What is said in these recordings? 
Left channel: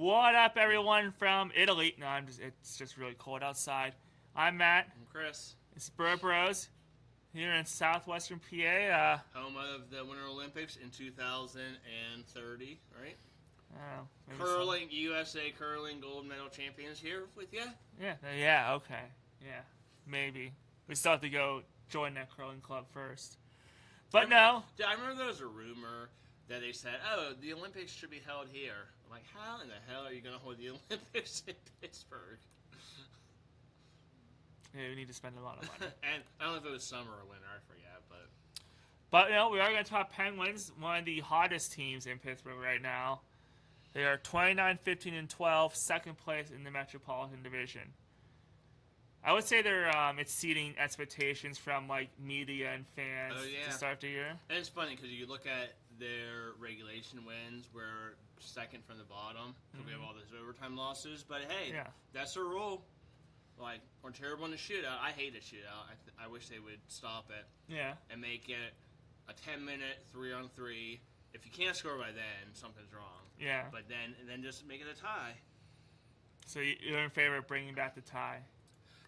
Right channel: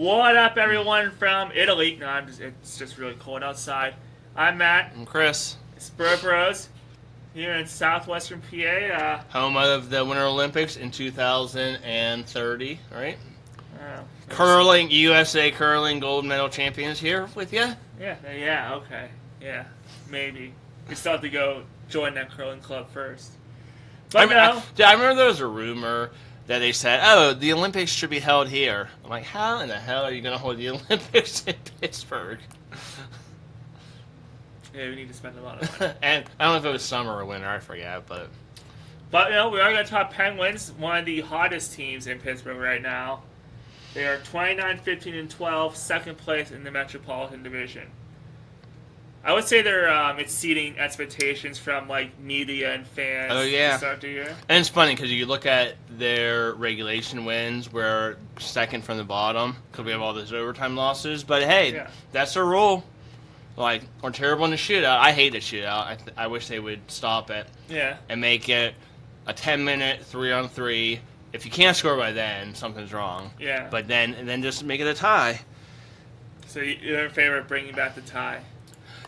What up, everyone from Italy? No, it's just really cold outside. I'm Matt. I'm Chris. Spur Bros here in southwestern PA. Home of the Winter Olympics in 2030, right? Uh, Curling, USA curling gold medal champions here with you. yeah, okay. Yeah, maybe. We still have to go join that curling club first. But I remember there was a rumor that they said, oh, the Olympics should be held here. I'm like, how in the hell are you going to hold the Olympics in Pittsburgh? Yeah, we need to spend a lot of money. And I don't know if it was summer or winter, I forget, but... But, we are going to talk Penguins, one of the hottest teams in Pittsburgh right now. They are 29-15-12, second place in the Metropolitan Division. I would say they're exceeding expectations from media and fans. Oh yeah, to start the year. And it's funny because you look at their regulation wins, we're second from the bottom because we have all those overtime losses. But hey, that's a rule. We're terrible in the shootout. I hate the shootout. I wish they would stop it. Yeah. And make it a 10-minute 3-on-3. If you can't score by then, something's wrong. Yeah. But then just make it a tie. So you're in favor of bringing back the tie?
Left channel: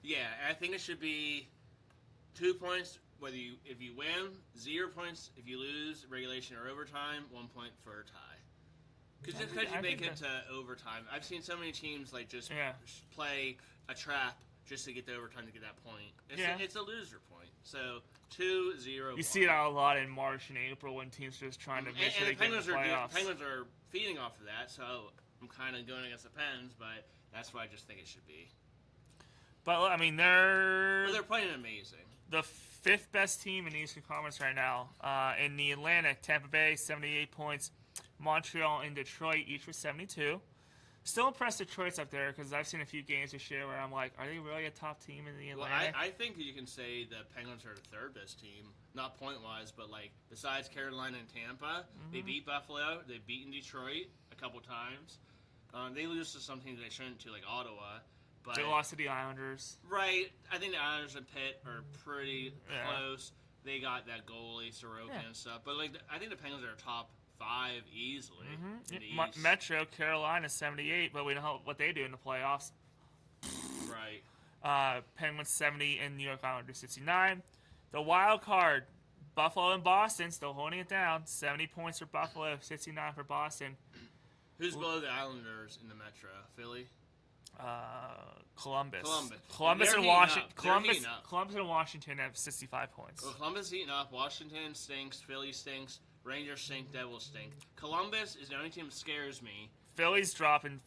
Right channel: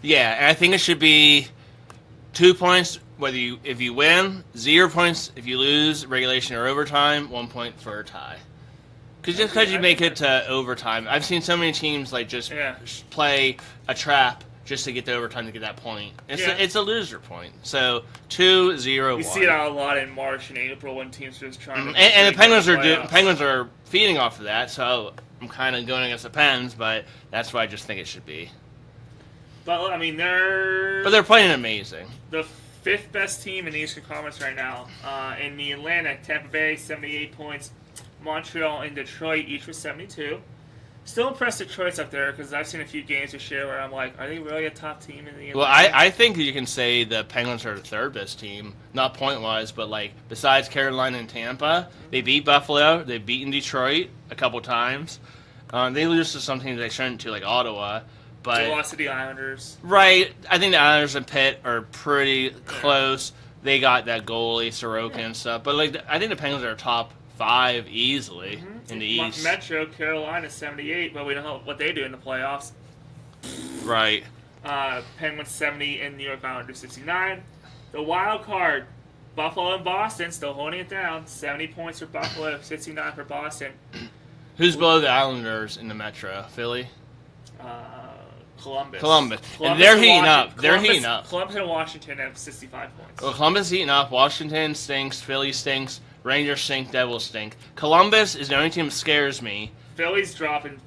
Yeah, and I think it should be 2 points if you win, 0 points if you lose regulation or overtime, 1 point for a tie. Because you make it to overtime, I've seen so many teams play a trap just to get the overtime to get that point. It's a loser point. So 2-0-1. You see it a lot in March and April when teams are just trying to. And the Penguins are feeding off of that. So I'm kind of going against the Pens, but that's what I just think it should be. But, they're playing amazing. The fifth best team in the Eastern Conference right now. In the Atlantic, Tampa Bay, 78 points. Montreal and Detroit, each with 72. Still impressed Detroit's up there because I've seen a few games this year where I'm like, are they really a top team in the Atlantic? Well, I think you can say the Penguins are the third best team. Not point-wise, but, besides Carolina and Tampa, they beat Buffalo. They've beaten Detroit a couple times. They lose to some teams they shouldn't to, like Ottawa. But they lost to the Islanders. Right. I think the Islanders and Pitt are pretty close. They got that goalie, Sorokin and stuff. But, I think the Penguins are top 5 easily in the East. Metro, Carolina, 78, but we know what they do in the playoffs. Right. Penguins, 70, and New York Islanders, 69. The wild card, Buffalo and Boston, still holding it down. 70 points for Buffalo, 69 for Boston. Who's below the Islanders in the Metro? Philly? Columbus. And they're heating up. Columbus and Washington have 65 points. Well, Columbus heating up. Washington stinks. Philly stinks. Rangers stink. Devils stink. Columbus is the only team that scares me. Philly's dropping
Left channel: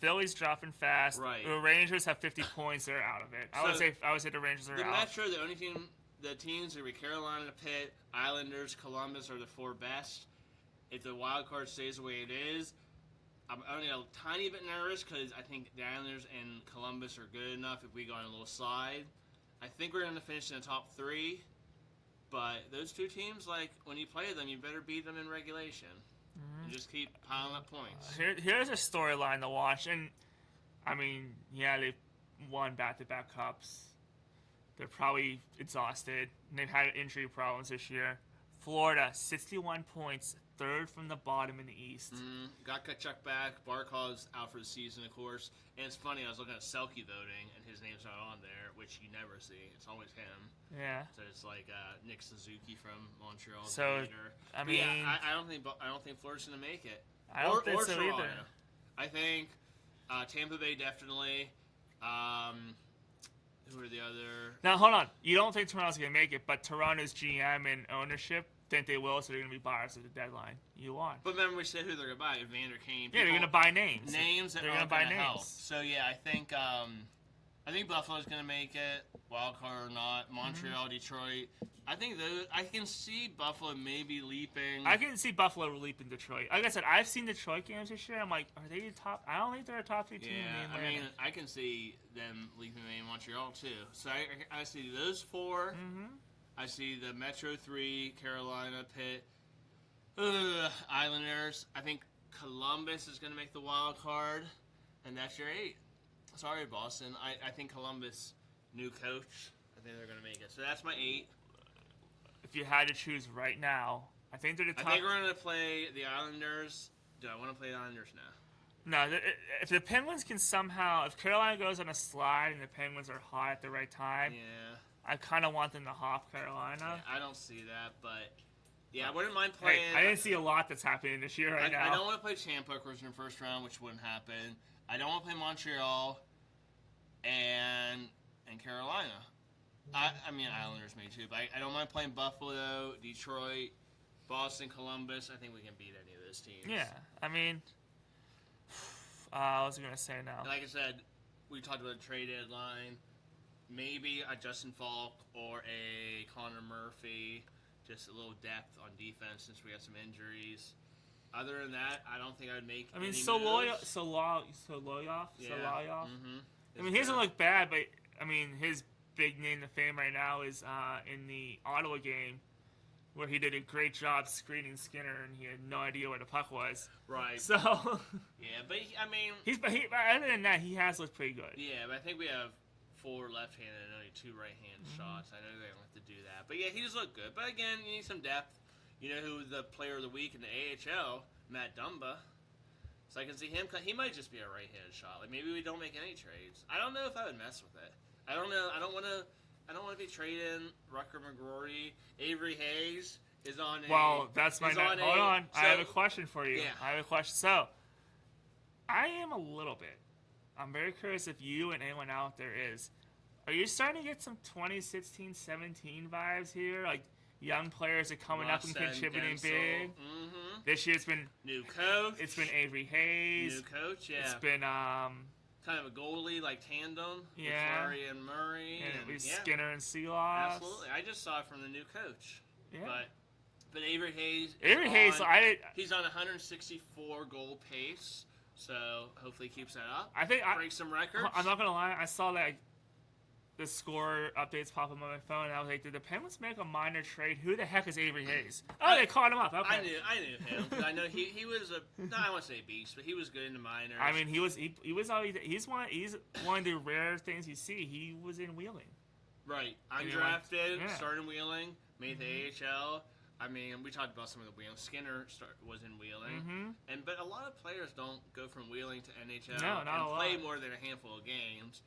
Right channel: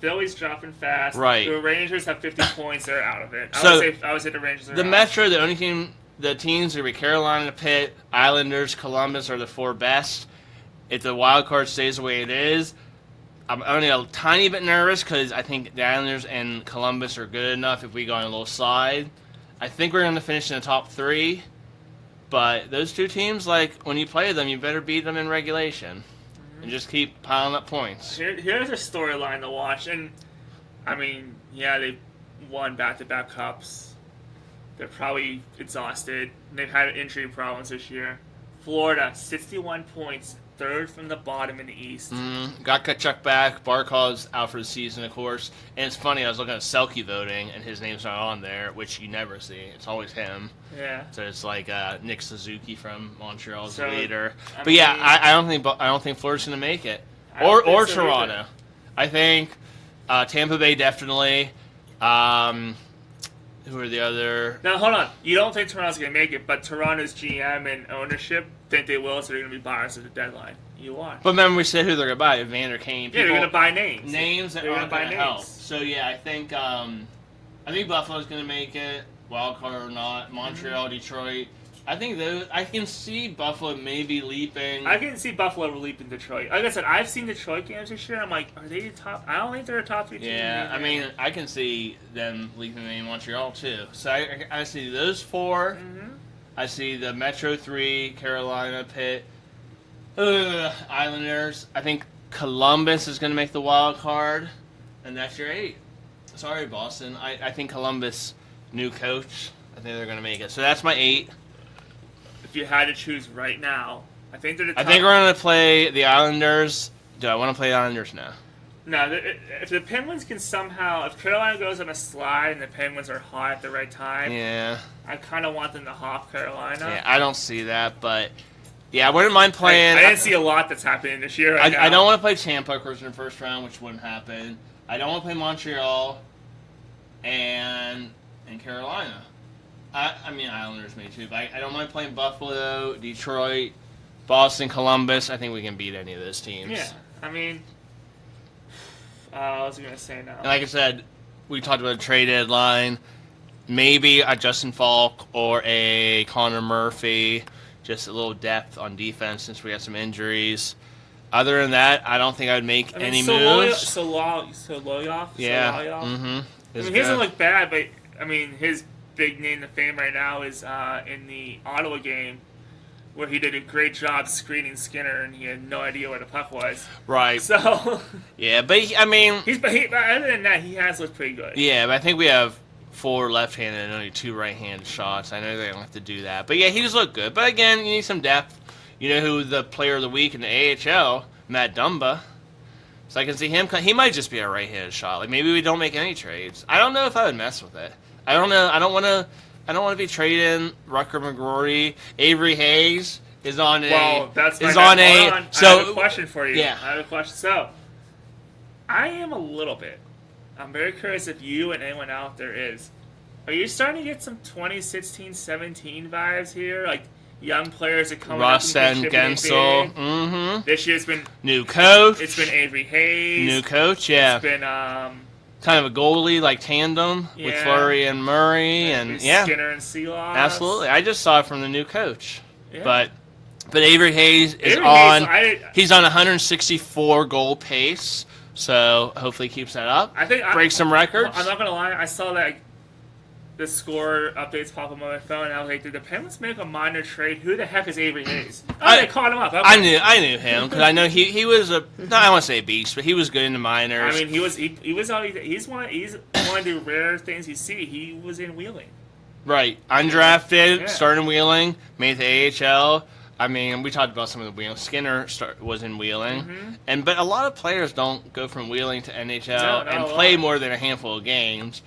fast. Right. The Rangers have 50 points. They're out of it. I would say the Rangers are the out. Metro, the only team, the teams are be Carolina, Pitt, Islanders, Columbus are the 4 best. If the wild card stays the way it is, I'm only a tiny bit nervous because I think the Islanders and Columbus are good enough if we go on a little slide. I think we're going to finish in the top 3. But those two teams, when you play them, you better beat them in regulation. And just keep piling up points. Here's a storyline to watch. And, they won back-to-back cups. They're probably exhausted. They've had injury problems this year. Florida, 61 points. Third from the bottom in the East. Got Kachuk back. Barkov's out for the season, of course. And it's funny, I was looking at Selke voting, and his name's not on there, which you never see. It's always him. Yeah. So it's like Nick Suzuki from Montreal's leader. I don't think Florida's gonna make it, or Toronto. Either. I think Tampa Bay definitely. Who are the other? Now hold on. You don't think Toronto's gonna make it, but Toronto's GM and ownership think they will, so they're going to be buyers at the deadline. You are. But remember we said who they're going to buy. Evander Kane. Yeah, they're going to buy names. Names that aren't going to help. So, yeah, I think Buffalo's going to make it, wild card or not. Montreal, Detroit. I think I can see Buffalo maybe leaping. I can see Buffalo leaping Detroit. Like I said, I've seen Detroit games this year. I'm like, are they top? I don't think they're a top 3 team. Yeah, I can see them leaping in Montreal, too. So I see those 4. I see the Metro 3, Carolina, Pitt, Islanders. I think Columbus is going to make the wild card, and that's your 8. Sorry, Boston. I think Columbus, new coach, I think they're going to make it. So that's my 8. If you had to choose right now, I think they're the top. I think we're going to play the Islanders. Do I want to play the Islanders now? No, if the Penguins can somehow, if Carolina goes on a slide and the Penguins are hot at the right time, Yeah. I kind of want them to hop Carolina. Yeah, I don't see that, but yeah, I wouldn't mind playing. I didn't see a lot that's happening this year. Right now. I don't want to play Tampa, of course, in the first round, which wouldn't happen. I don't want to play Montreal and Carolina. I mean, Islanders may too, but I don't mind playing Buffalo, Detroit, Boston, Columbus. I think we can beat any of those teams. Yeah, I mean, I was gonna say now. And like I said, we talked about a trade deadline. Maybe a Justin Falk or a Connor Murphy. Just a little depth on defense since we have some injuries. Other than that, I don't think I would make any moves. Soloyov? Yeah. Mm-hmm. I mean, he good. doesn't look bad, but I mean, his big name to fame right now is in the Ottawa game, where he did a great job screening Skinner, and he had no idea where the puck was. Right. So. Yeah, but I mean. Other than that, he has looked pretty good. Yeah, but I think we have 4 left-handed and only 2 right-handed shots. I know they don't have to do that, but yeah, he just looked good. But again, you need some depth. You know who the player of the week in the AHL, Matt Dumba. So I can see him. He might just be a right-handed shot. Like maybe we don't make any trades. I don't know if I would mess with it. I don't know. I don't want to be trading Rucker McGrory. Avery Hayes is on a. Well, that's my is on a. on. So I have a question for you. Yeah. I have a question. So, I am a little bit. I'm very curious if you and anyone out there is. Are you starting to get some 2016-17 vibes here? Like young players are coming Russ up and and Gensel. big. Mm-hmm. This year's been New coach. It's been Avery Hayes. New coach. Yeah. It's been kind of a goalie like tandem with Yeah. Fleury and Murray and yeah. Skinner and Seeloss. Absolutely. I just saw it from the new coach. Yeah. But Avery Hayes is Avery on. Hayes, He's on 164 goal pace, so hopefully he keeps that up. I think break some records. I'm not gonna lie. I saw that the score updates pop up on my phone, and I was like, "Did the Penguins make a minor trade? Who the heck is Avery Hayes?" They caught him up. Okay. I knew him because I know he was a. No, I don't want to say a beast, but he was good in the minors. I mean, he's one of the rare things you see. He was in Wheeling. Right, undrafted, Yeah. started in Wheeling, made the AHL. I mean, we talked about some of the Wheeling. Skinner was in Wheeling, but a lot of players don't go from Wheeling to NHL and play more than a handful of games.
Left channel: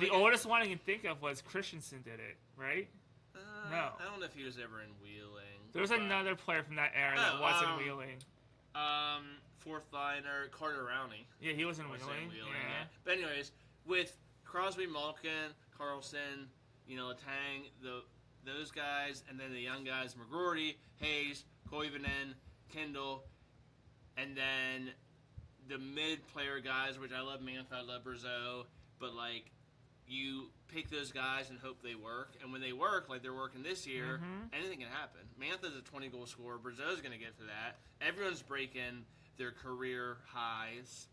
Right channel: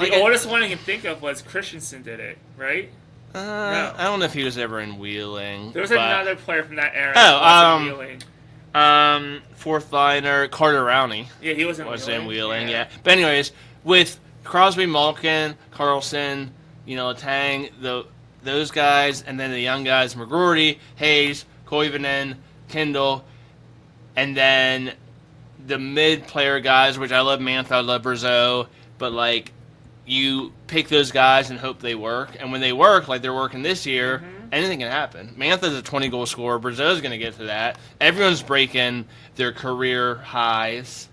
The oldest one I can think of was Christensen did it, right? No. I don't know if he was ever in Wheeling. There was another player from that era. Oh, that was in Wheeling. Fourth liner Carter Rowney. Yeah, he was in Wheeling. Yeah. But anyways, with Crosby, Malkin, Carlson, Tang, those guys, and then the young guys, McGrory, Hayes, Koivunen, Kindle, and then the mid-player guys, which I love Mantha, I love Brazeau, but like you pick those guys and hope they work, and when they work, like they're working this year, anything can happen. Mantha's a 20-goal scorer. Brazeau's going to get to that. Everyone's breaking their career highs.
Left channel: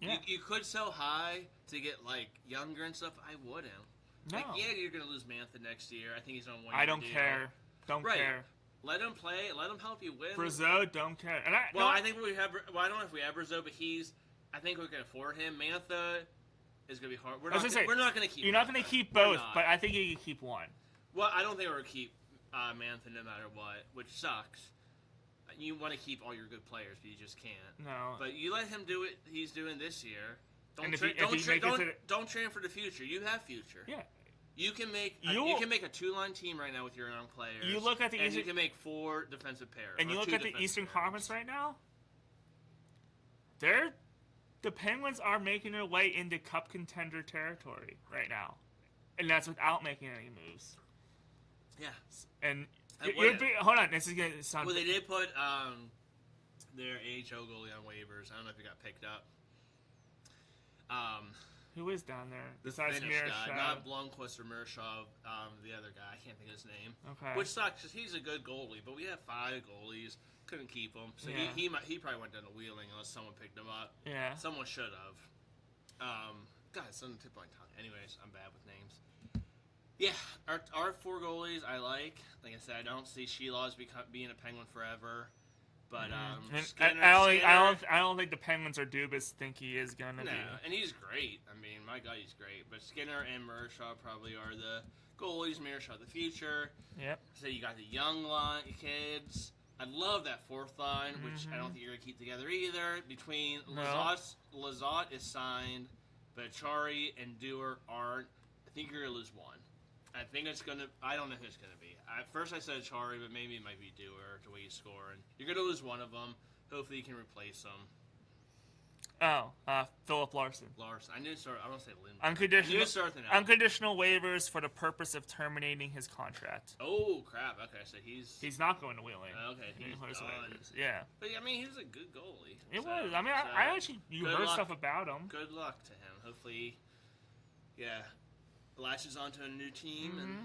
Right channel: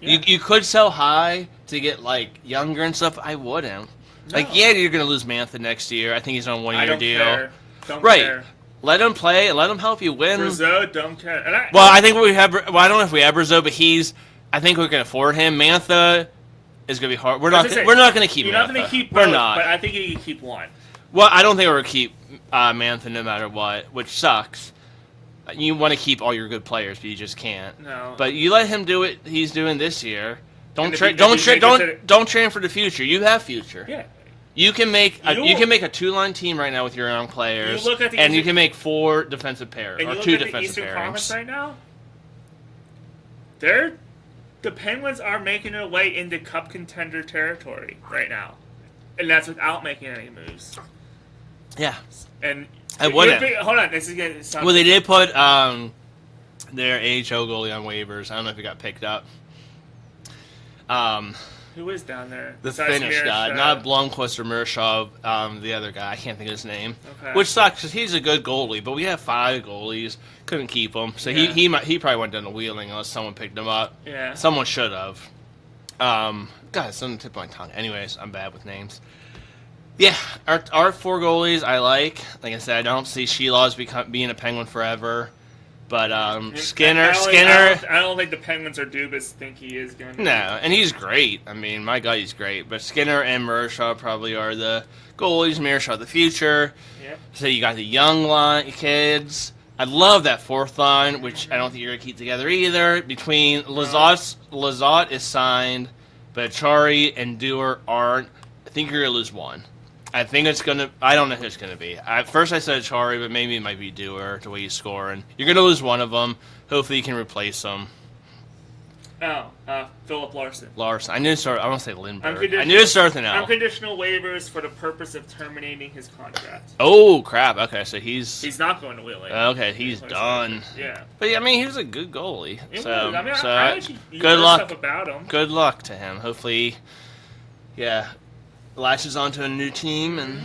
Yeah. You could sell high to get like younger and stuff. I wouldn't. No. Like, yeah, you're going to lose Mantha next year. I think he's on a one-year deal. Don't right. care. Let him play and let him help you win. Brazeau, don't care. I think we have. Well, I don't know if we have Brazeau, but I think we can afford him. Mantha is going to be hard. We're not going to keep. You're Mantha. not going to keep both. We're not. But I think you can keep one. Well, I don't think we're going to keep Mantha no matter what, which sucks. You want to keep all your good players, but you just can't. No. But you let him do what he's doing this year. Don't train for the future. You have future. Yeah. You can make a 2-line team right now with your own players, you can make 4 defensive pairs or 2 defensive pairings. The Eastern Conference right now, the Penguins are making their way into Cup contender territory right now, and that's without making any moves. Yeah, and hold on, this is gonna sound. Well, they did put their AHL goalie on waivers. I don't know if he got picked up. Who is down there? The Finnish guy, not Blomqvist or Murshov, the other guy. I can't think of his name. Okay. Which sucks because he's a good goalie, but we have 5 goalies. Couldn't keep him, so he probably went down to Wheeling unless someone picked him up. Yeah. Someone should have. God, it's on the tip of my tongue. Anyways, I'm bad with names. Yeah, our 4 goalies I like. Like I said, I don't see Sheilaw's being a Penguin forever. But Skinner. I don't think the Penguins or Dubas think he is going to. No, and he's great. I mean, my God, he's great. But Skinner and Mershaw probably are the goalies. Mershaw the future. Yep. So you got the young kids. I love that fourth line, which I don't think you're going to keep together either. Between Lizotte is signed, but Achari and Dewar aren't. I think you're going to lose one. I think it's going to. I don't know who it's going to be. At first I said Achari, but maybe it might be Dewar, the way he's scoring. You're going to lose one of them. Hopefully you can replace them. Philip Larson. I knew it started. I want to say Lindbergh. I knew it started with an L. Unconditional waivers for the purpose of terminating his contract. Oh crap! Okay, so he's not going to Wheeling. Okay, he's done. Yeah, but I mean, he was a good goalie. I actually good luck. Stuff about him. Good luck to him. Hopefully, latches onto a new team and.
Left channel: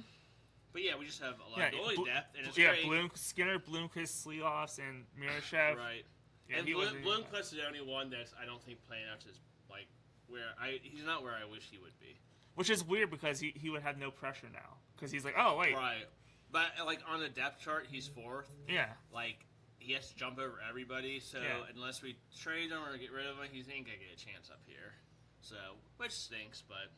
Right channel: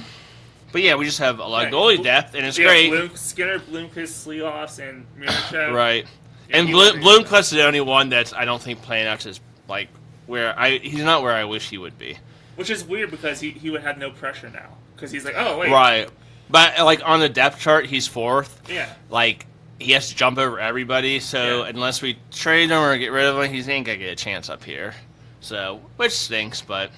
But yeah, we just have a lot of goalie depth, and it's great. Skinner, Bloomquist, Sleoffs, and Mirashev. Right. And Bloomquist is the only one that's I don't think playing out is like he's not where I wish he would be. Which is weird because he would have no pressure now because he's like, oh wait. Right, but like on the depth chart he's fourth. Yeah. Like he has to jump over everybody, so unless we trade him or get rid of him, he ain't gonna get a chance up here. So which stinks, but.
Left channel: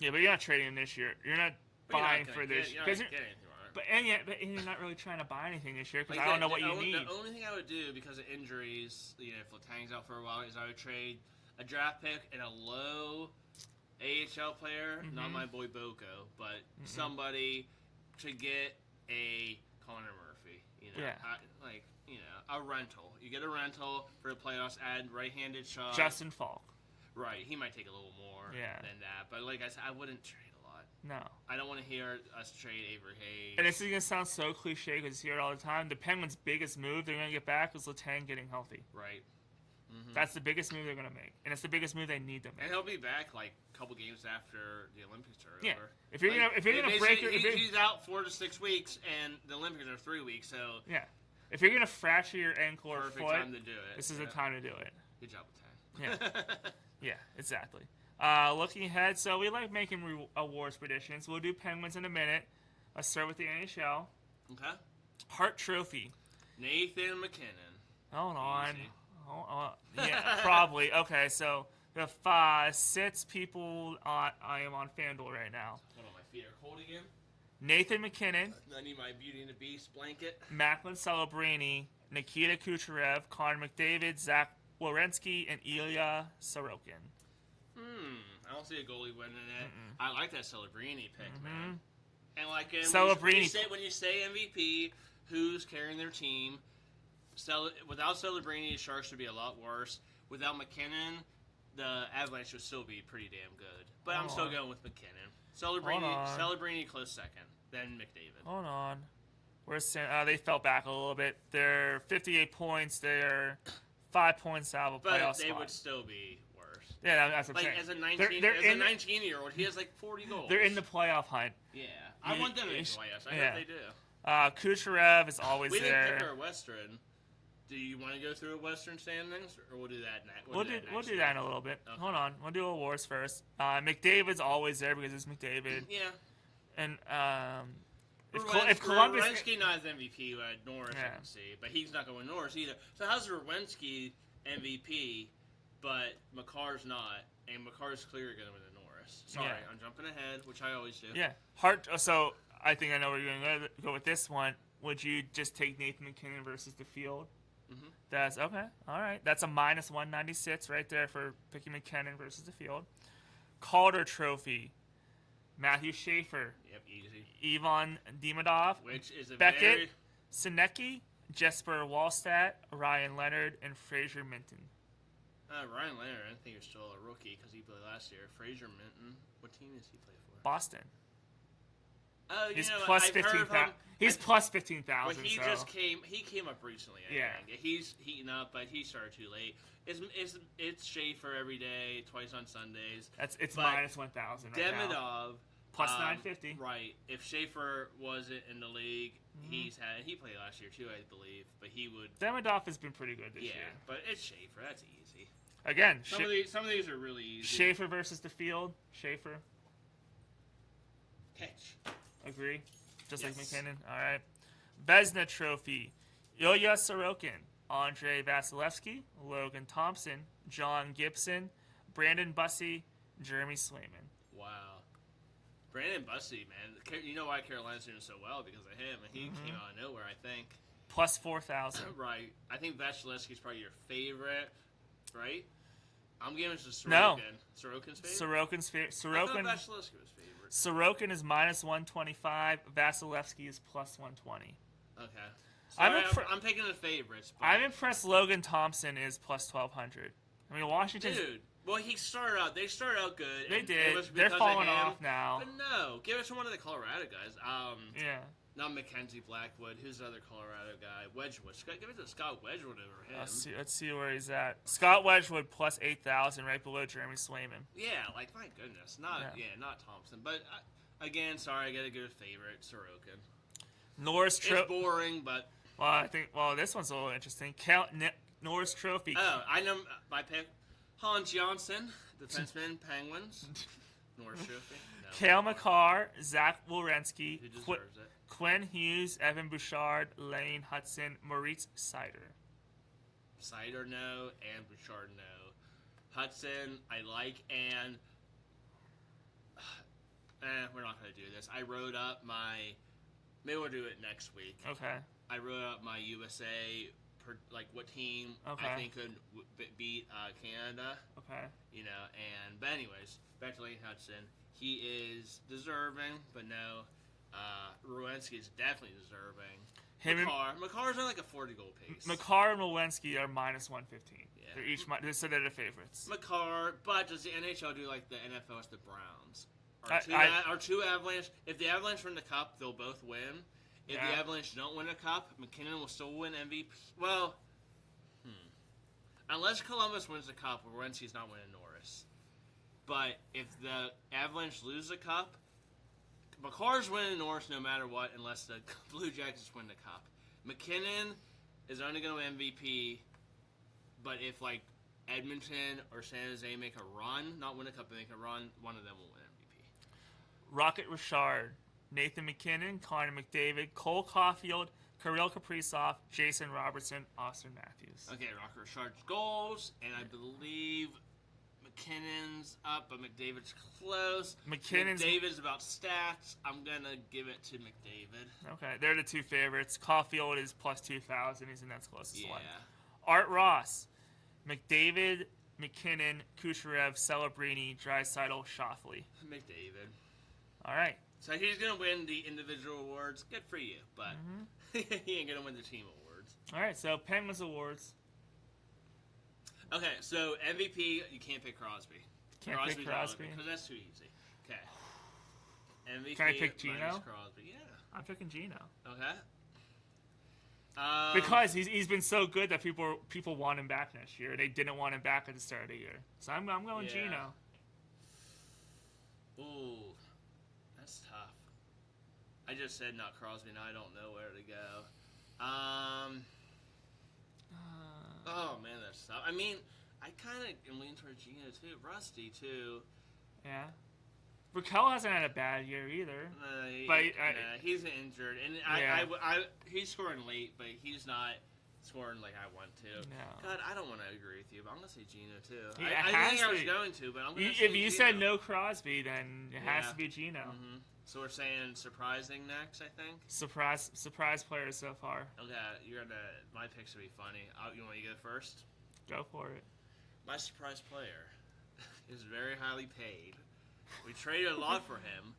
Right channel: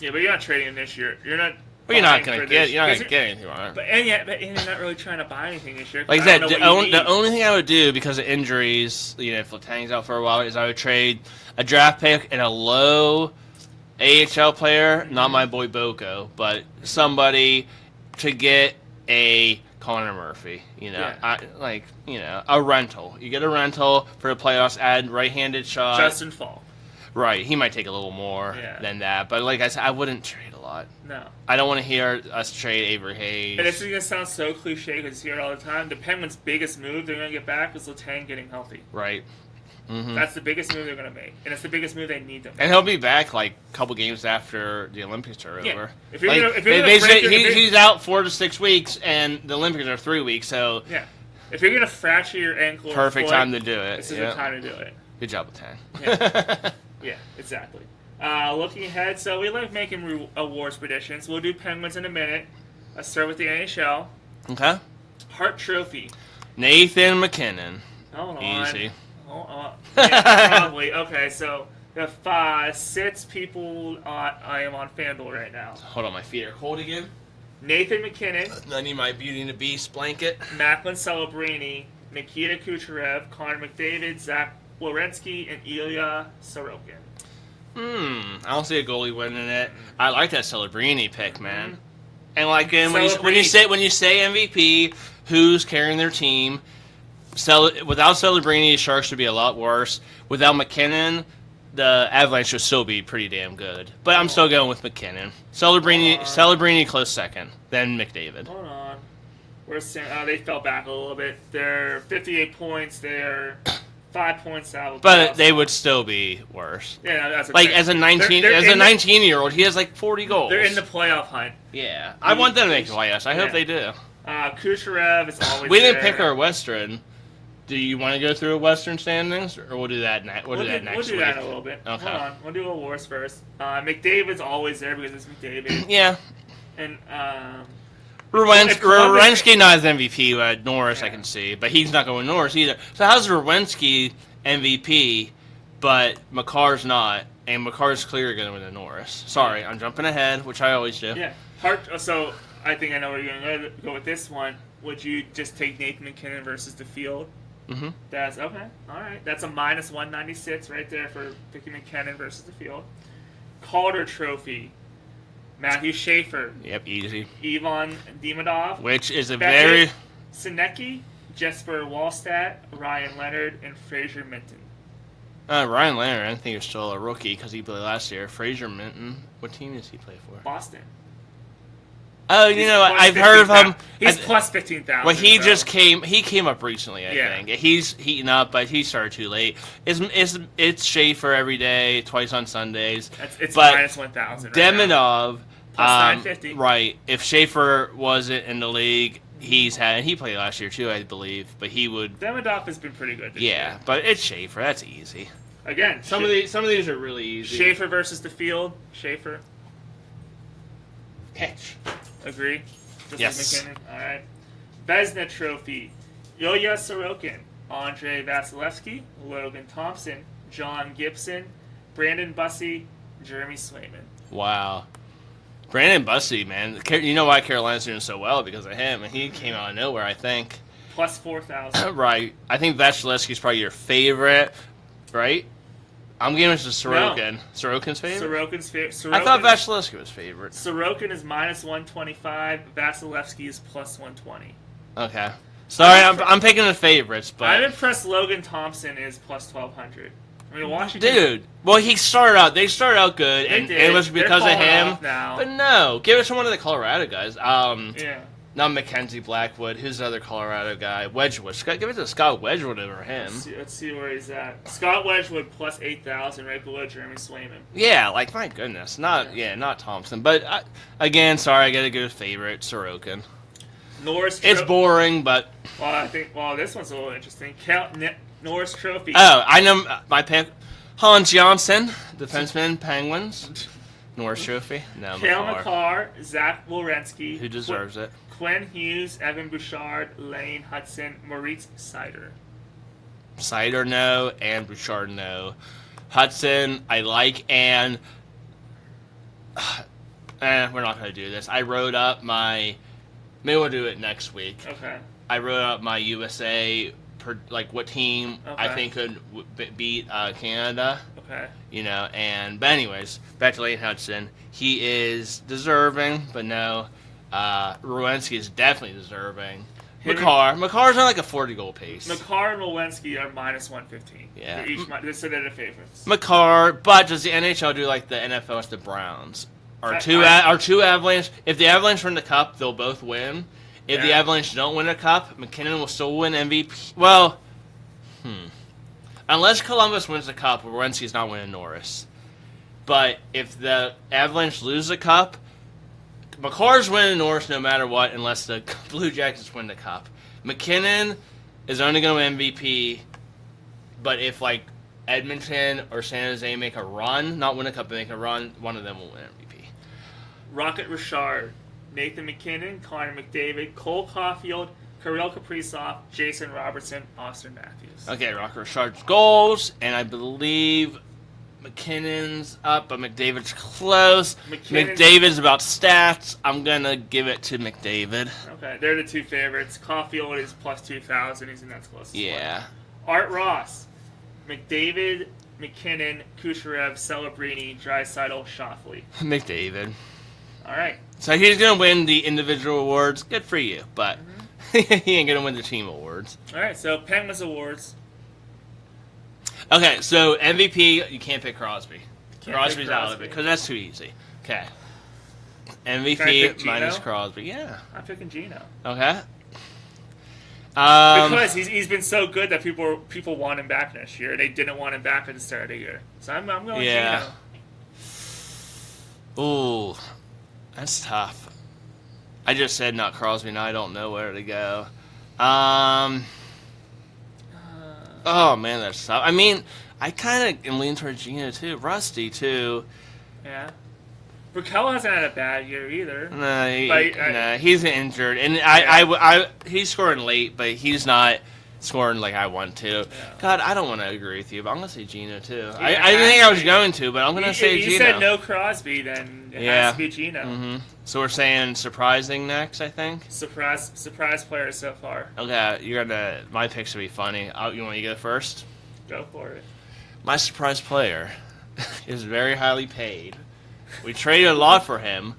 Yeah, but you're not trading him this year. You're not. Well, you're not gonna get anything on it. But you're not really trying to buy anything this year. Like I said, the only thing I would do because of injuries, if Letang's out for a while, is I would trade a draft pick and a low AHL player, not my boy Boko, but somebody to get a Connor Murphy. A rental. You get a rental for the playoffs. Add right-handed shot. Justin Falk. Right, he might take a little more than that, but like I said, I wouldn't trade a lot. No. I don't want to hear us trade Avery Hayes. And this is going to sound so cliche because you hear it all the time. The Penguins' biggest move they're going to get back is Letang getting healthy. Right. Mm-hmm. That's the biggest move they're going to make. And it's the biggest move they need to make. And he'll be back like a couple games after the Olympics are over. If you're he's out 4 to 6 weeks, and the Olympics are 3 weeks, so... Yeah. If you're going to fracture your ankle perfect or foot, time to do it. This is the time to do it. Good job, Letang. Yeah. Yeah, exactly. Looking ahead, so we like making awards predictions. We'll do Penguins in a minute. Let's start with the NHL. Okay. Hart Trophy. Nathan McKinnon. Hold on. Easy. Hold on. Yeah, probably. Okay, so the 6 people I am on FanDuel right now. Hold on, my feet are cold again. Nathan McKinnon. I need my Beauty and the Beast blanket. Macklin Celebrini, Nikita Kucherov, Connor McDavid, Zach Werenski, and Ilya Sorokin. I don't see a goalie winning it. I like that Celebrini pick, man. And like when you say MVP, who's carrying their team? Without Celebrini, the Sharks would be a lot worse. Without McKinnon, the Avalanche would still be pretty damn good. But I'm still going with McKinnon. Celebrini close second, then McDavid. Hold on. They fell back a little bit. They're 58 points. They're 5 points out. But they would still be worse. Yeah, that's like as a 19-year-old, he has like 40 goals. They're in the playoff hunt. Yeah, I want them to make the playoffs. I hope they do. Kucherov is always. We didn't pick our Western. Do you want to go through a Western standings, or we'll do that next week? We'll do that in a little bit. Okay. Hold on. We'll do awards first. McDavid's always there because it's McDavid. Yeah. And Werenski not as MVP, but Norris I can see. But he's not going Norris either. So how's Werenski MVP, but McCarr's not, and McCarr's clearly going to win the Norris? Sorry, I'm jumping ahead, which I always do. Yeah. So I think I know where you're going to go with this one. Would you just take Nathan McKinnon versus the field? Mm-hmm. That's okay. All right. That's a minus 196 right there for picking McKinnon versus the field. Calder Trophy. Matthew Schaefer. Yep, easy. Ivan Demidov. Which is a Beckett, very... Sinecki, Jesper Wallstedt, Ryan Leonard, and Fraser Minton. Ryan Leonard, I think he was still a rookie because he played last year. Fraser Minton, what team does he play for? Boston. Oh, I've heard of him. He's plus 15,000. Well, he came up recently, I think. He's heating up, but he started too late. It's Schaefer every day, twice on Sundays. It's minus 1,000 Demidov, plus 950. Right. If Schaefer wasn't in the league, he played last year too, I believe, but he would... Demidov has been pretty good this year. But it's Schaefer. That's easy. Again, some of these are really easy. Schaefer versus the field. Schaefer. Catch. Agree? Just yes. like McKinnon. All right. Vezina Trophy. Ilya Sorokin, Andrei Vasilevsky, Logan Thompson, John Gibson, Brandon Bussey, Jeremy Swayman. Wow. Brandon Bussey, man. You know why Carolina's doing so well? Because of him. And he came out of nowhere, I think. plus 4,000. Right. I think Vasilevsky's probably your favorite, right? I'm giving it to Sorokin. No. Sorokin's favorite? Sorokin's favorite. I thought Vasilevsky was favorite. Sorokin is minus 125. Vasilevsky is plus 120. Okay. Sorry, I'm picking the favorites, but I'm impressed Logan Thompson is plus 1,200. I mean, Washington. Dude, well, they started out good, and it was because of him. Now. But no, give it to one of the Colorado guys. Yeah. Not Mackenzie Blackwood. Who's the other Colorado guy? Wedgwood. Give it to Scott Wedgwood over him. Let's see where he's at. Scott Wedgwood plus 8,000, right below Jeremy Swayman. Yeah, like my goodness, not Thompson. But again, sorry, I gotta go with favorite Sorokin. It's boring, but this one's a little interesting. Norris Trophy. Oh, I know my pick. Hans Johnson, defenseman, Penguins. Norris Trophy. No, Cale Makar, Zach Werenski. Who deserves it? Quinn Hughes, Evan Bouchard, Lane Hudson, Moritz Seider. Seider, no, and Bouchard, no. Hudson, I like, and we're not going to do this. I wrote up my, maybe we'll do it next week. Okay. I wrote up my USA, what team I think could beat Canada. Okay. But anyways, back to Lane Hudson. He is deserving, but no. Werenski is definitely deserving. Makar's on like a 40-goal pace. Makar and Werenski are minus 115. Yeah. So they're the favorites. Makar, but does the NHL do like the NFL with the Browns? Are two Avalanche? If the Avalanche win the Cup, they'll both win. If the Avalanche don't win a Cup, McKinnon will still win MVP. Well, unless Columbus wins the Cup, Werenski's not winning Norris. But if the Avalanche lose the Cup, Makar's winning Norris no matter what, unless the Blue Jackets win the Cup. McKinnon is only going to win MVP, but if Edmonton or San Jose make a run, not win a Cup, but make a run, one of them will win MVP. Rocket Richard, Nathan McKinnon, Connor McDavid, Cole Caulfield, Kirill Kaprizov, Jason Robertson, Austin Matthews. Okay, Rocket Richard's goals, and I believe McKinnon's up, but McDavid's close. McDavid's about stats. I'm going to give it to McDavid. Okay, they're the two favorites. Caulfield is plus 2,000. He's in that close. Yeah. Art Ross, McDavid, McKinnon, Kucherov, Celebrini, Draisaitl, Shoffley. McDavid. All right. So he's going to win the individual awards. Good for you, but he ain't going to win the team awards. All right, so Penguins awards. Okay, so MVP, you can't pick Crosby. Crosby's out of it because that's too easy. Okay. MVP minus Crosby. Yeah. I'm picking Gino. Okay. Because he's been so good that people want him back next year. They didn't want him back at the start of the year. So I'm going Gino. Ooh, that's tough. I just said not Crosby. Now I don't know where to go. Oh, man, that's tough. I mean, I kind of am leaning towards Gino, too. Rusty, too. Yeah. Raquel hasn't had a bad year either. No, he's injured. And he's scoring late, but he's not scoring like I want to. Yeah. God, I don't want to agree with you, but I'm going to say Gino, too. I didn't think I was going to, but I'm going to say Gino. If you said no Crosby, then it has to be Gino. Mm-hmm. So we're saying surprising next, I think? Surprise player so far. Okay, my picks will be funny. You want me to go first? Go for it. My surprise player is very highly paid. We traded a lot for him.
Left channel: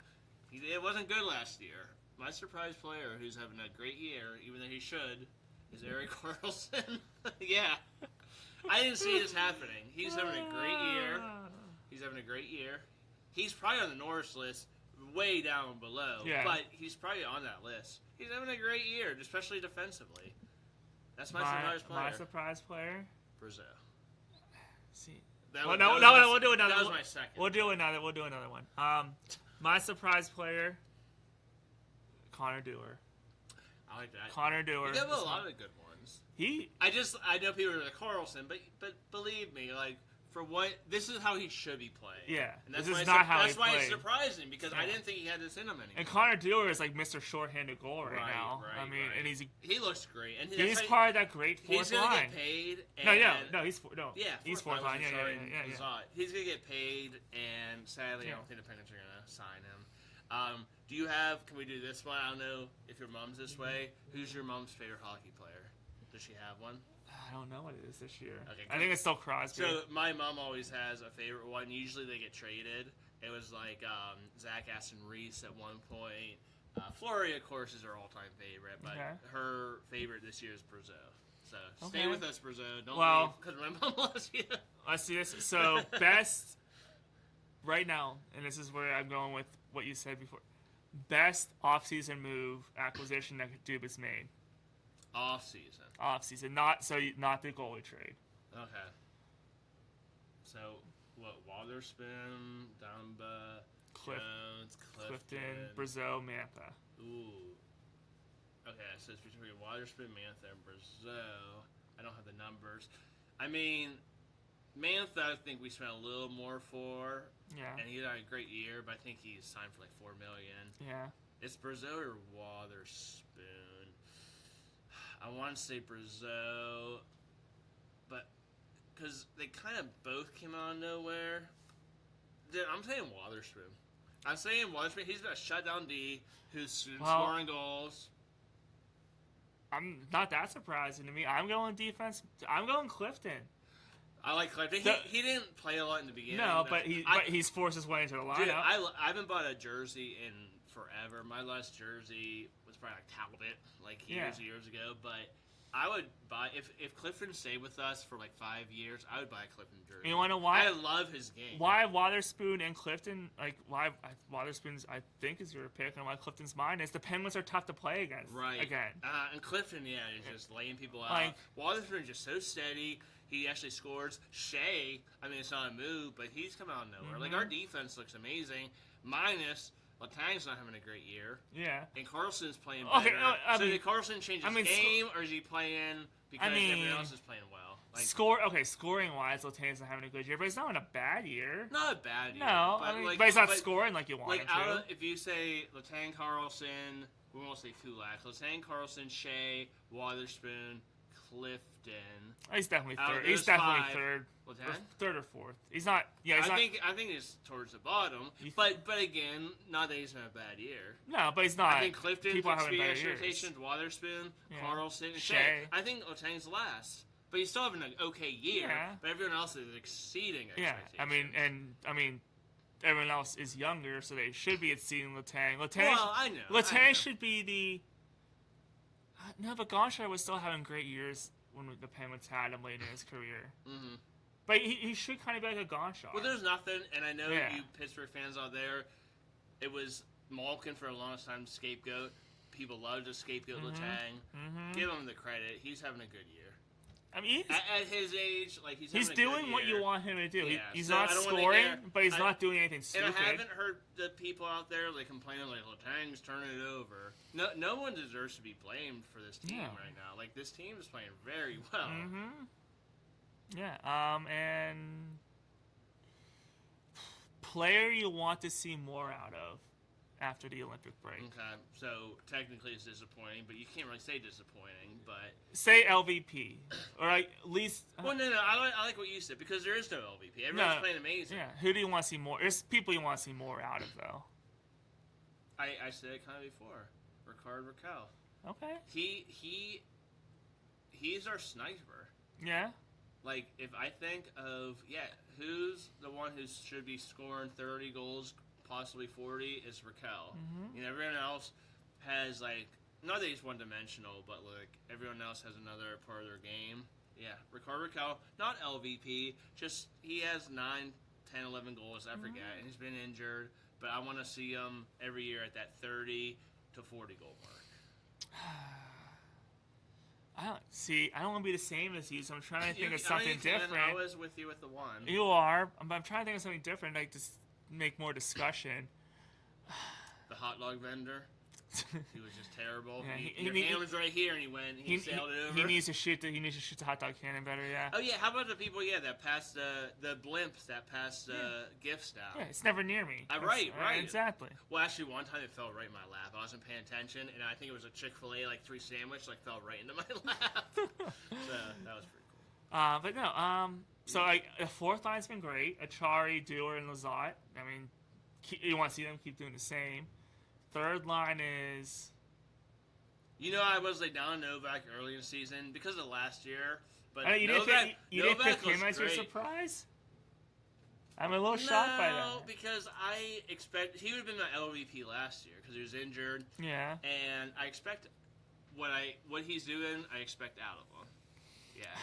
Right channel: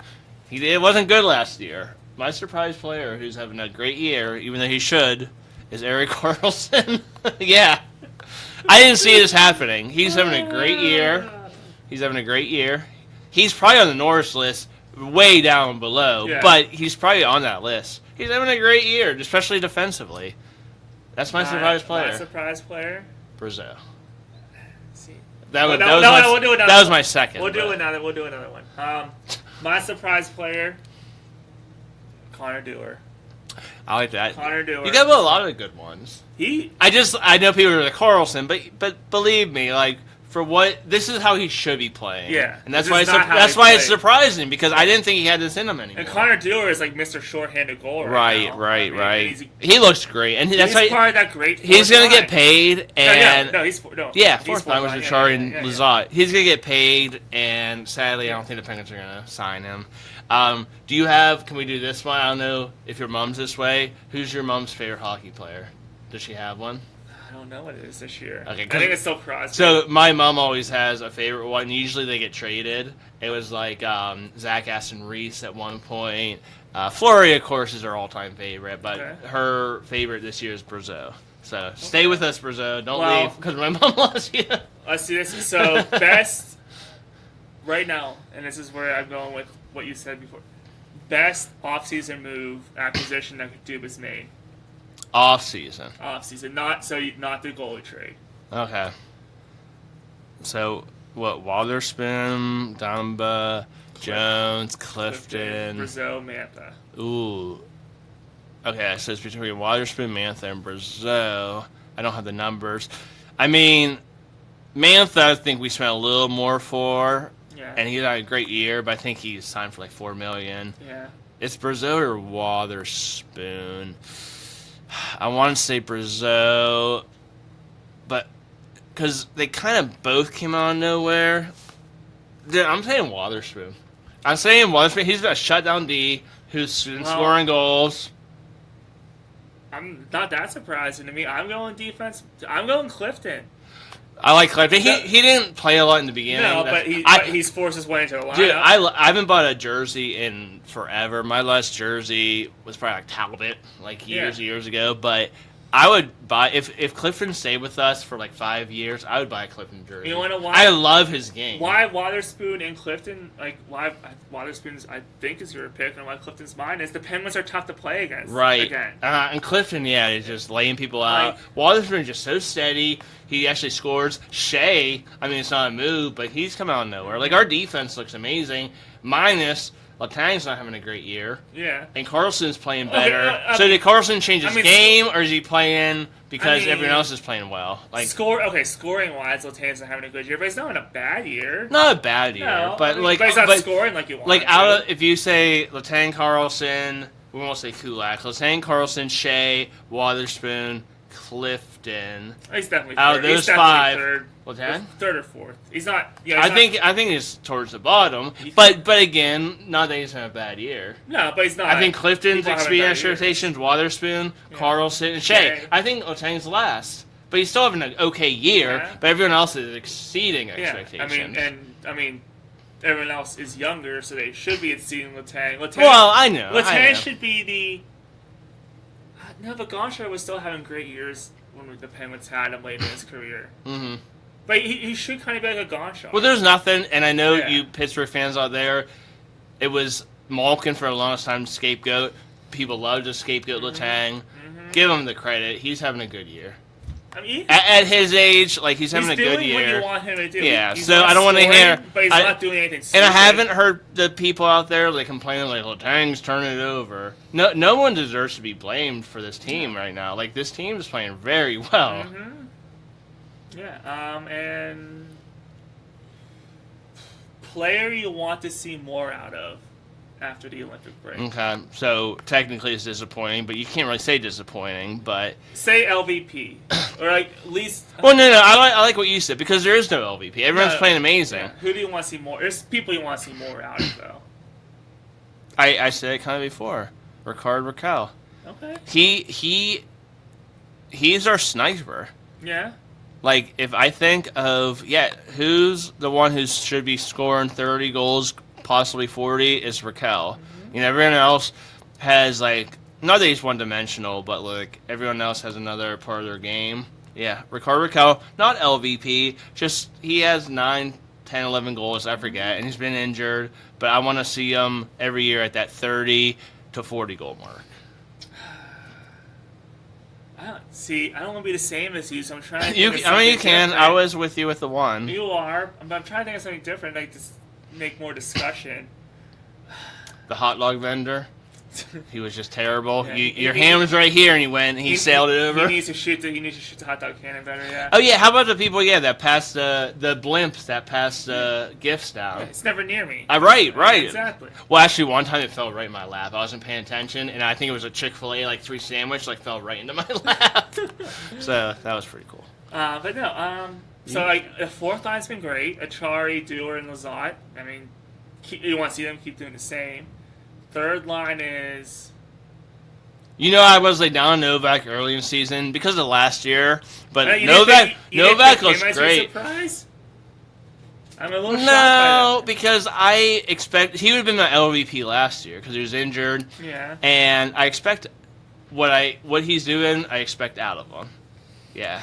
It wasn't good last year. My surprise player, who's having a great year, even though he should, is Erik Karlsson. Yeah. I didn't see this happening. He's having a great year. He's probably on the Norris list, way down below, but he's probably on that list. He's having a great year, especially defensively. That's my surprise player. My surprise player? Brazil. We'll do another. That was my second. We'll do another one. My surprise player, Connor Dewar. I like that. Connor Dewar. You got a lot of good ones. I know people are like Carlson, but believe me, for what this is how he should be playing. Yeah, and that's this why is not how that's he why it's played. surprising because I didn't think he had this in him anymore. And Connor Dewar is like Mr. Shorthanded goal right now. Right. And He looks great, and that's he's why part of that great. he's fourth gonna get line. paid. And he's fourth line was Richard and Lazat. He's gonna get paid, and sadly, I don't think the Penguins are gonna sign him. Do you have? Can we do this one? I don't know if your mom's this way. Who's your mom's favorite hockey player? Does she have one? I don't know what it is this year. Okay, I think it's still Crosby. So my mom always has a favorite one. Usually they get traded. It was like Zach Aston Reese at one point. Fleury, of course, is her all-time favorite, but her favorite this year is Brazeau. So stay with us, Brazeau. Don't leave because my mom loves you. Let's see this. So best right now, and this is where I'm going with what you said before. Best off-season move acquisition that Dubas made. Off-season, not the goalie trade. Okay. So what? Waterspoon, Dumba, Jones, Clifton, Brazeau, Mantha. Ooh. Okay, so it's between Waterspoon, Mantha, and Brazeau. I don't have the numbers. I mean, Mantha, I think we spent a little more for, and he had a great year, but I think he signed for like $4 million. Yeah. It's Brazeau or Waterspoon. I want to say Brazeau, but because they kind of both came out of nowhere. I'm saying Waterspoon. He's a shutdown D who's been scoring goals. I'm not that surprising to me. I'm going defense. I'm going Clifton. I like Clifton. He didn't play a lot in the beginning. No, but he's forced his way into the lineup. Dude, I haven't bought a jersey in forever. My last jersey was probably like Talbot, like years ago. But I would buy if Clifton stayed with us for like 5 years. I would buy a Clifton jersey. You want to know why? I love his game. Why Waterspoon and Clifton? Like why Waterspoon's I think is your pick, and why Clifton's mine is the Penguins are tough to play against. Right. Again. And Clifton, he's just laying people out. Waterspoon's just so steady. He actually scores. Shea, I mean, it's not a move, but he's come out of nowhere. Like, our defense looks amazing, minus Letang's not having a great year. Yeah. And Carlson's playing better. So did Carlson change his game, or is he playing because everyone else is playing well? Like scoring-wise, Letang's not having a good year, but he's not in a bad year. Not a bad year, but he's not scoring like you want. Like, if you say Letang, Carlson, we won't say Kulak. Letang, Carlson, Shea, Waterspoon, Clifton. He's definitely third. Out of those five, third or fourth. He's not. I think it's towards the bottom. But again, not that he's having a bad year. No, but he's not. I think Clifton's experience rotations, Waterspoon, Carlson, and Shea. I think Letang's last, but he's still having an okay year. Yeah. But everyone else is exceeding expectations. I mean, everyone else is younger, so they should be exceeding Letang. Well, I know. Letang should be the. No, but Gonchar was still having great years when the Penguins had him late in his career. Mm-hmm. But he should kind of be like a Gonchar. Well, there's nothing, and I know you Pittsburgh fans out there, it was Malkin for the longest time scapegoat. People love to scapegoat Letang. Mm-hmm. Give him the credit. He's having a good year. I mean, at his age, like he's having a good year. He's doing what you want him to do. Yeah, so I don't want to hear. But he's not doing anything stupid. And I haven't heard the people out there like complaining like Letang's turning it over. No one deserves to be blamed for this team right now. Like this team is playing very well. Mm-hmm. Yeah. And player you want to see more out of after the Olympic break. Okay, so technically it's disappointing, but you can't really say disappointing, but... Say LVP, or like at least... Well, no, I like what you said, because there is no LVP. Everyone's playing amazing. Yeah. Who do you want to see more? There's people you want to see more out of, though. I said it kind of before. Rickard Rakell. Okay. He's our sniper. Yeah. Like, if I think of, who's the one who should be scoring 30 goals, possibly 40, is Rakell. Mm-hmm. You know, everyone else has, like, not that he's one-dimensional, but, like, everyone else has another part of their game. Yeah, Rickard Rakell, not LVP, just he has 9, 10, 11 goals, I forget, and he's been injured, but I want to see him every year at that 30 to 40 goal mark. I don't want to be the same as you, so I'm trying to you can. I was with you with the one. You are, but I'm trying to think of something different, like to make more discussion. The hot dog vendor? He was just terrible. Yeah, Your hand was right here, and he went. He sailed it over. He needs to shoot the hot dog cannon better. Yeah. Oh yeah, how about the people? Yeah, that passed the blimps that passed gifts down. Yeah, it's never near me. Right. Exactly. Well, actually, one time it fell right in my lap. I wasn't paying attention, and I think it was a Chick-fil-A like 3 sandwich, like fell right into my lap. So that was pretty cool. But no. So like the fourth line's been great. Achari, Dewar, and Lazat. I mean, you want to see them keep doing the same. Third line is. I was like down on Novak early in the season because of last year, but Novak looks great. Surprise? I'm a little shocked by No, that. because I expect he would have been my LVP last year because he was injured. Yeah. And I expect what he's doing. I expect out of him. Yeah.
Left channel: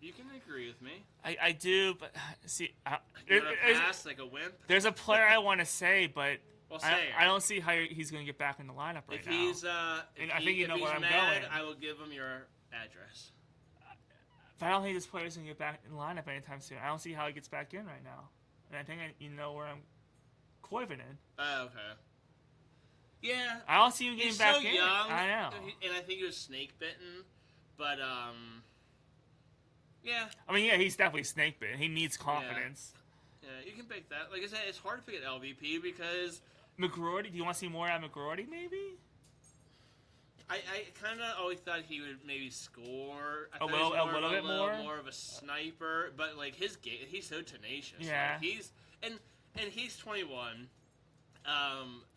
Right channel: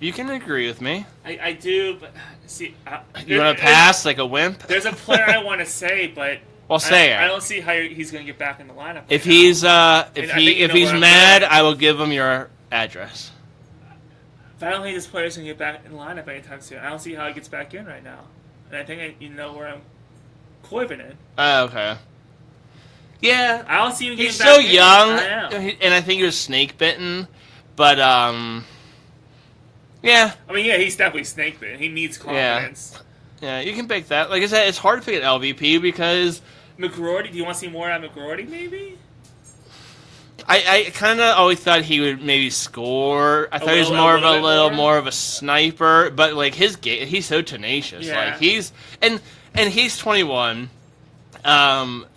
You can agree with me. I do, but see. You want to pass like a wimp? There's a player I want to say, but. Well, say it. I don't see how he's going to get back in the lineup. If he's mad, I will give him your address. But I don't think this player's going to get back in the lineup anytime soon. I don't see how he gets back in right now. And I think you know where I'm coiving in. Oh, okay. Yeah. I don't see him getting He's back so in. young, I know. and I think he was snake bitten, but yeah. I mean, yeah, he's definitely snake bitten. He needs confidence. Yeah, you can pick that. Like I said, it's hard to pick an LVP because McGroarty, do you want to see more out of McGroarty, maybe? I kind of always thought he would maybe score. I thought he was more of a sniper, but like his game, he's so tenacious. Yeah. Like he's he's 21.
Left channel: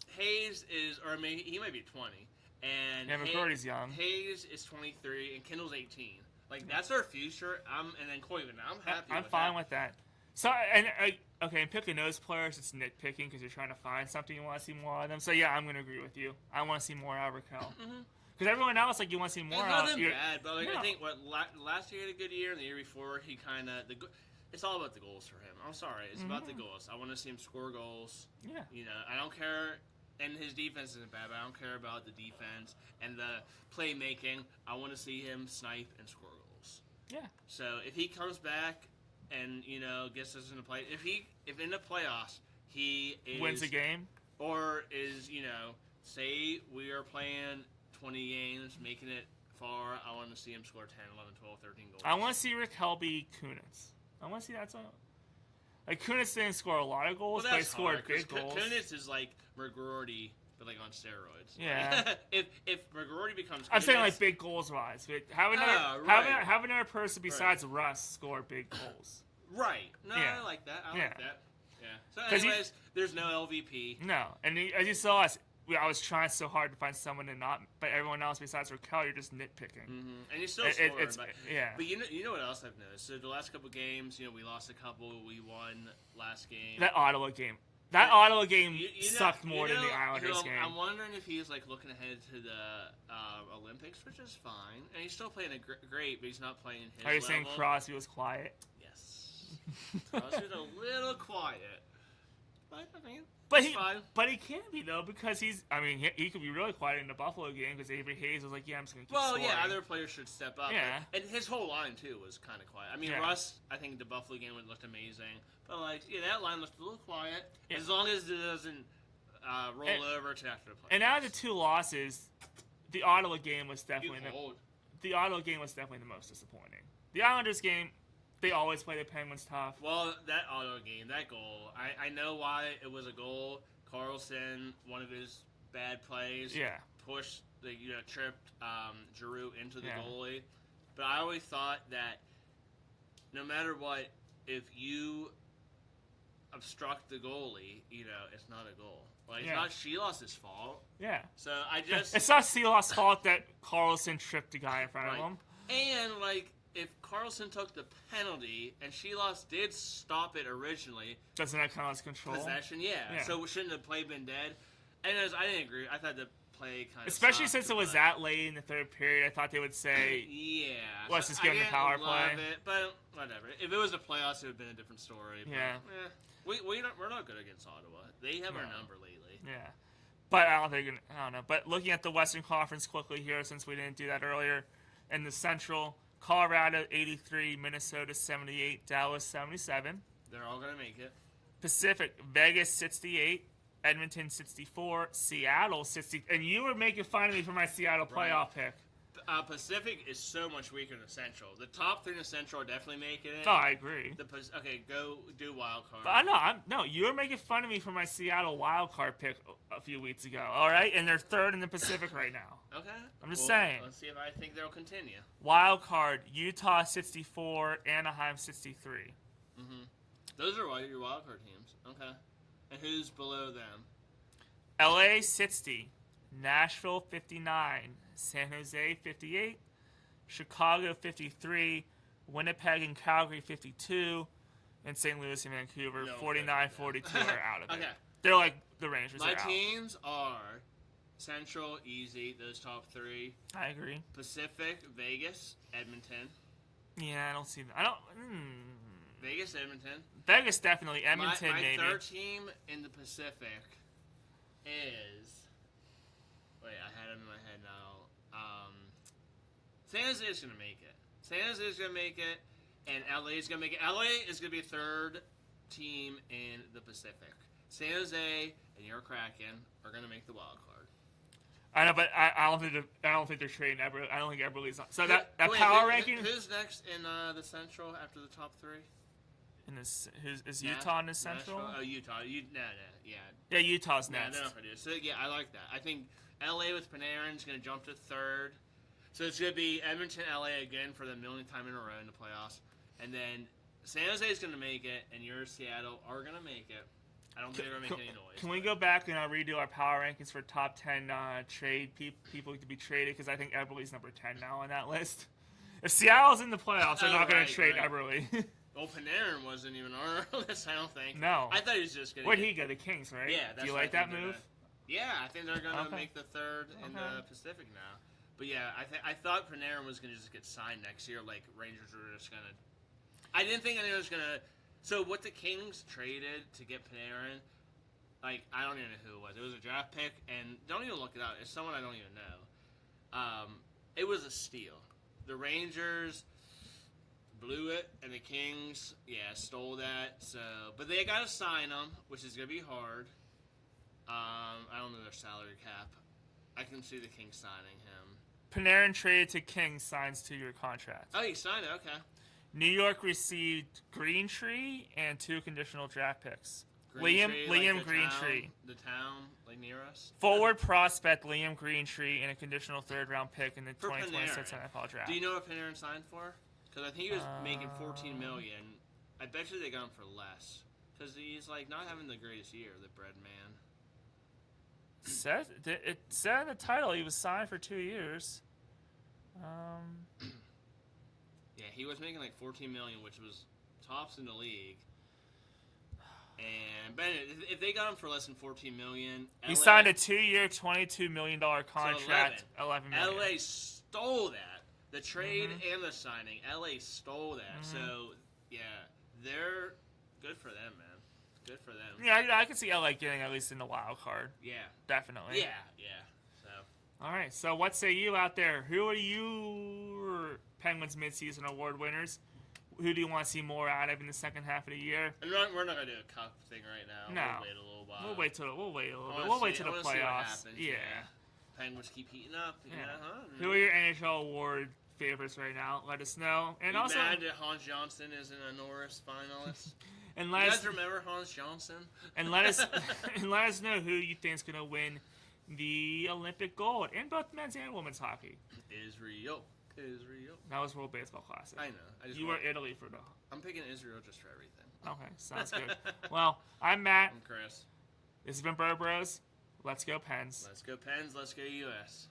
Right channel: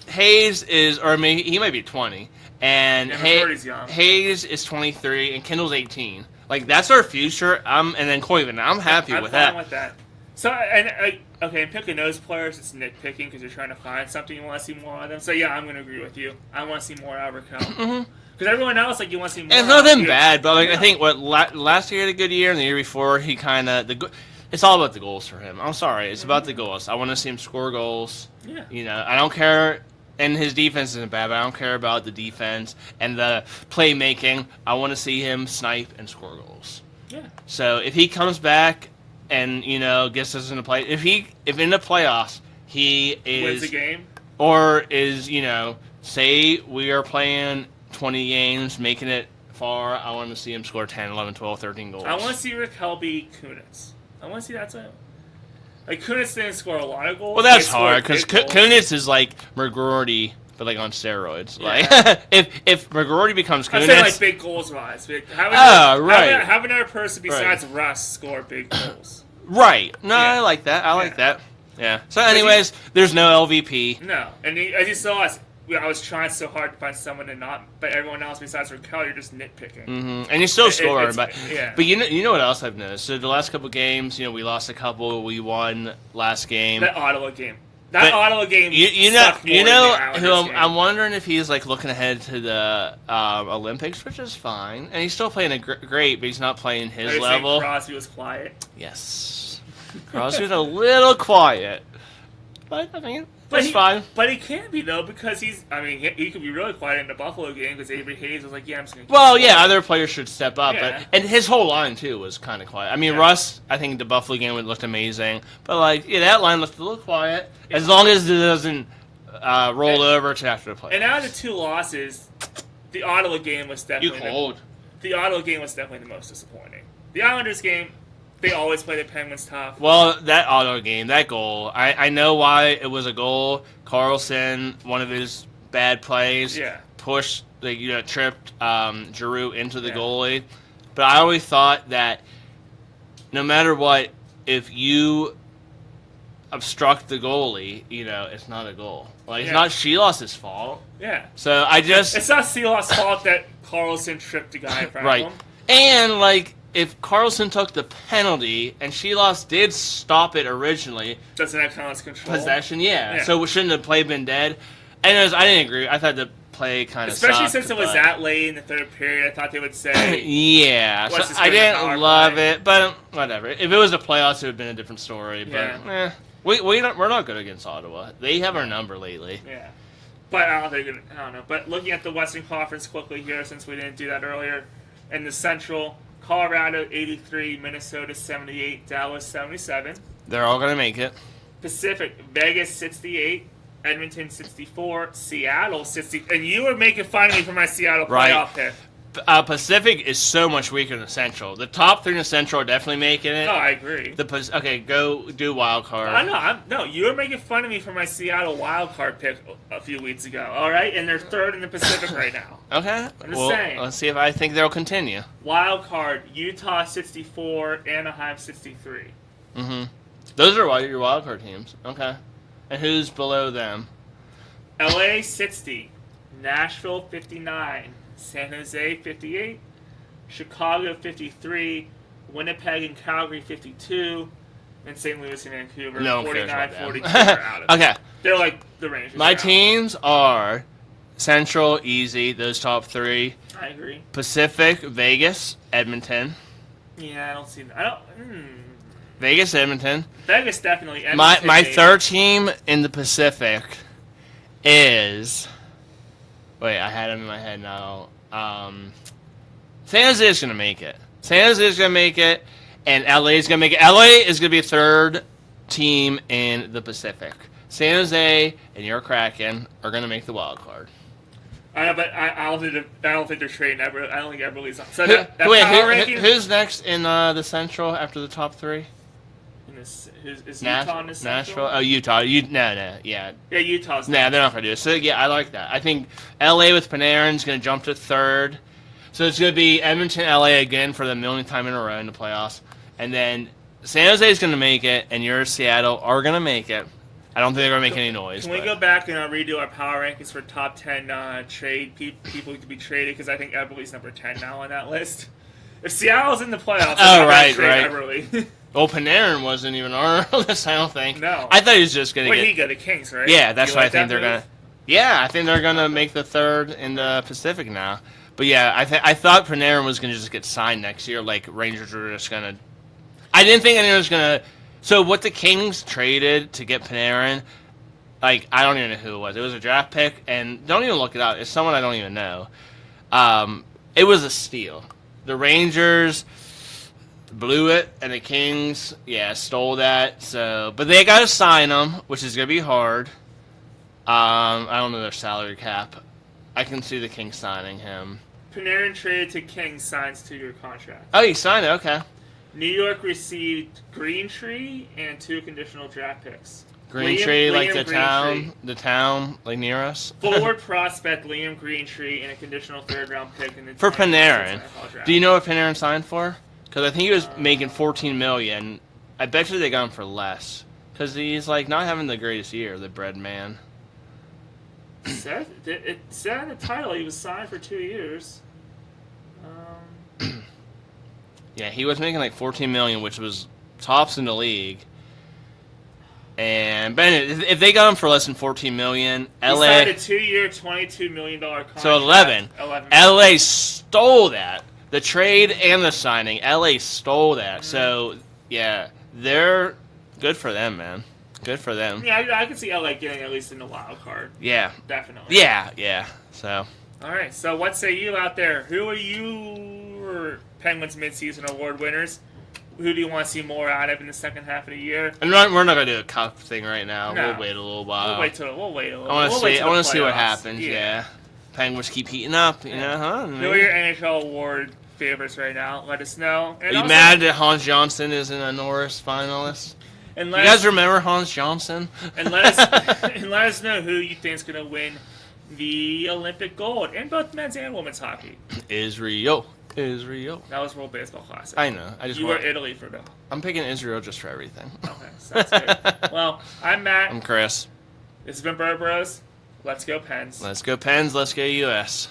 Hayes is, or maybe he might be 20, and McGroarty's young. Hayes is 23, and Kendall's 18. Like that's our future. And then Koivu. I'm happy with that. I'm fine with that. So and picking those players, it's nitpicking because you're trying to find something you want to see more of them. So yeah, I'm gonna agree with you. I want to see more out of Raquel. Because everyone else, like, you want to see more. It's nothing bad, but like I think last year he had a good year, and the year before he kind of it's all about the goals for him. I'm sorry, it's about the goals. I want to see him score goals. Yeah. I don't care, and his defense isn't bad, but I don't care about the defense and the playmaking. I want to see him snipe and score goals. Yeah. So if he comes back and gets us in the play, if in the playoffs he wins a game, or is say we are playing 20 games, making it far, I want to see him score 10, 11, 12, 13 goals. I want to see Raquel be Kunitz. I want to see that. Like, Kunitz didn't score a lot of goals. Well, that's hard, because Kunitz is like McGroarty, but like on steroids. Yeah. Like, if McGroarty becomes Kunitz... I'm saying, like, big goals-wise. Have another person besides Russ score big goals. Right. No, I like that. I like that. Yeah. So, anyways, there's no LVP. No. And as you saw us, I was trying so hard to find someone to not, but everyone else besides Raquel, you're just nitpicking. Mm-hmm. And you're still scoring, but yeah. But you know what else I've noticed? So the last couple games, we lost a couple, we won last game. That Ottawa game. Ottawa game. I'm wondering if he's like looking ahead to the Olympics, which is fine, and he's still playing great, but he's not playing his level. Crosby was quiet. Yes, Crosby was a little quiet, but I mean. That's fine. But he can be, though, because he could be really quiet in the Buffalo game because Avery Hayes was like, yeah, I'm just going to keep Well, yeah, other players should step up. Yeah. And his whole line, too, was kind of quiet. I mean, Russ, I think the Buffalo game looked amazing. But, that line looked a little quiet. As long as it doesn't roll over to after the play. And out of the 2 losses, the Ottawa game was definitely... The Ottawa game was definitely the most disappointing. The Islanders game... They always play the Penguins tough. Well, that Ottawa game, that goal, I know why it was a goal. Carlson, one of his bad plays, pushed, tripped Giroux into the goalie. But I always thought that no matter what, if you obstruct the goalie, it's not a goal. It's not Sheilos's fault. Yeah. So it's not Sheilos's fault that Carlson tripped the guy in front of him. And, if Carlson took the penalty and Sheelos did stop it originally, doesn't that count as control? Possession, yeah. So shouldn't the play been dead? And I didn't agree. I thought the play kind of especially since it was that late in the third period. I thought they would say, yeah. So I didn't love it, but whatever. If it was the playoffs, it would have been a different story. But we're not good against Ottawa. They have our number lately. Yeah. But I don't know. But looking at the Western Conference quickly here, since we didn't do that earlier, in the Central. Colorado 83, Minnesota 78, Dallas 77. They're all going to make it. Pacific, Vegas 68, Edmonton 64, Seattle 60. And you were making fun of me for my Seattle Right. playoff pick. Pacific is so much weaker than Central. The top 3 in the Central are definitely making it. No, I agree. Okay, go do wild card. I know. No, you were making fun of me for my Seattle wild card pick a few weeks ago. All right, and they're third in the Pacific right now. Okay. I'm just saying. Let's see if I think they'll continue. Wild card: Utah 64, Anaheim 63. Mm-hmm. Those are your wild card teams. Okay. And who's below them? LA 60, Nashville 59, San Jose 58, Chicago 53, Winnipeg and Calgary 52, and St. Louis and Vancouver No 49, cares about 42 them. are out of it. Okay. They're like the Rangers. My are out. teams are Central, easy, those top 3. I agree. Pacific, Vegas, Edmonton. Yeah, I don't see that. I don't. Vegas, Edmonton. Vegas definitely. My Edmonton, maybe. third team in the Pacific is. Wait, I had them in my head now. San Jose is going to make it. San Jose is going to make it, and LA is going to make it. LA is going to be a third team in the Pacific. San Jose and your Kraken are going to make the wild card. I know, but I don't think they're trading Ever. I don't think Everly's on. So Who- that wait, power who- ranking. who's next in the Central after the top 3? Is Utah in the Central? Nashville? Oh, Utah. No, yeah. Yeah, Utah's. Nah, they're not going to do it. So, yeah, I like that. I think LA with Panarin is going to jump to third. So it's going to be Edmonton, LA again for the millionth time in a row in the playoffs. And then San Jose is going to make it, and your Seattle are going to make it. I don't think they're going to make any noise. Can we go back and redo our power rankings for top 10 trade people to be traded? Because I think Everly's number 10 now on that list. If Seattle's in the playoffs, Oh, I'm right, trade right. Everly. Well, Panarin wasn't even on our list, I don't think. No. I thought he was just going to Wait, get... he go to Kings, right? Yeah, that's You what like I think that they're move? going to... Yeah, I think they're going to make the third in the Pacific now. But yeah, I thought Panarin was going to just get signed next year. Like, Rangers were just going to... I didn't think anyone was going to... So what the Kings traded to get Panarin, like, I don't even know who it was. It was a draft pick, and don't even look it up. It's someone I don't even know. It was a steal. The Rangers blew it, and the Kings, yeah, stole that. So, but they got to sign him, which is going to be hard. I don't know their salary cap. I can see the Kings signing him. Panarin traded to Kings, signs 2-year contract. Oh, he signed it. Okay. New York received Green Tree and 2 conditional draft picks. Green Tree, like the town, like near us. Forward prospect Liam Greentree and a conditional 3rd-round pick in the For 2026 Panarin. NFL draft. Do you know what Panarin signed for? Because I think he was making $14 million. I bet you they got him for less. Because he's like not having the greatest year, the bread man. It said in the title he was signed for 2 years. Yeah, he was making like $14 million, which was tops in the league. And but if they got him for less than $14 million, He LA signed a 2-year, $22 million contract. so 11. 11 LA stole that. The trade and the signing, LA stole that. So yeah, they're good for them, man. Good for them. Yeah, I can see LA getting at least in the wild card. Yeah. Definitely. Yeah. So. All right. So what say you out there? Who are your Penguins midseason award winners? Who do you want to see more out of in the second half of the year? And we're not gonna do a cup thing right now. No. We'll wait a little while. We'll wait a little. I want to see. I want to see what playoffs. happens. Yeah. Penguins keep heating up. You know, huh? Who are your NHL award favorites right now? Let us know. And Are you also, mad that Hans Johnson is in a Norris finalist? And You let guys us, remember Hans Johnson? and let us know who you think is going to win the Olympic gold in both men's and women's hockey. Israel. That was World Baseball Classic. I know. You were Italy for the. I'm picking Israel just for everything. Okay, sounds good. Well, I'm Matt. I'm Chris. This has been Bird Bros. Let's go Pens. Let's go Pens. Let's go US.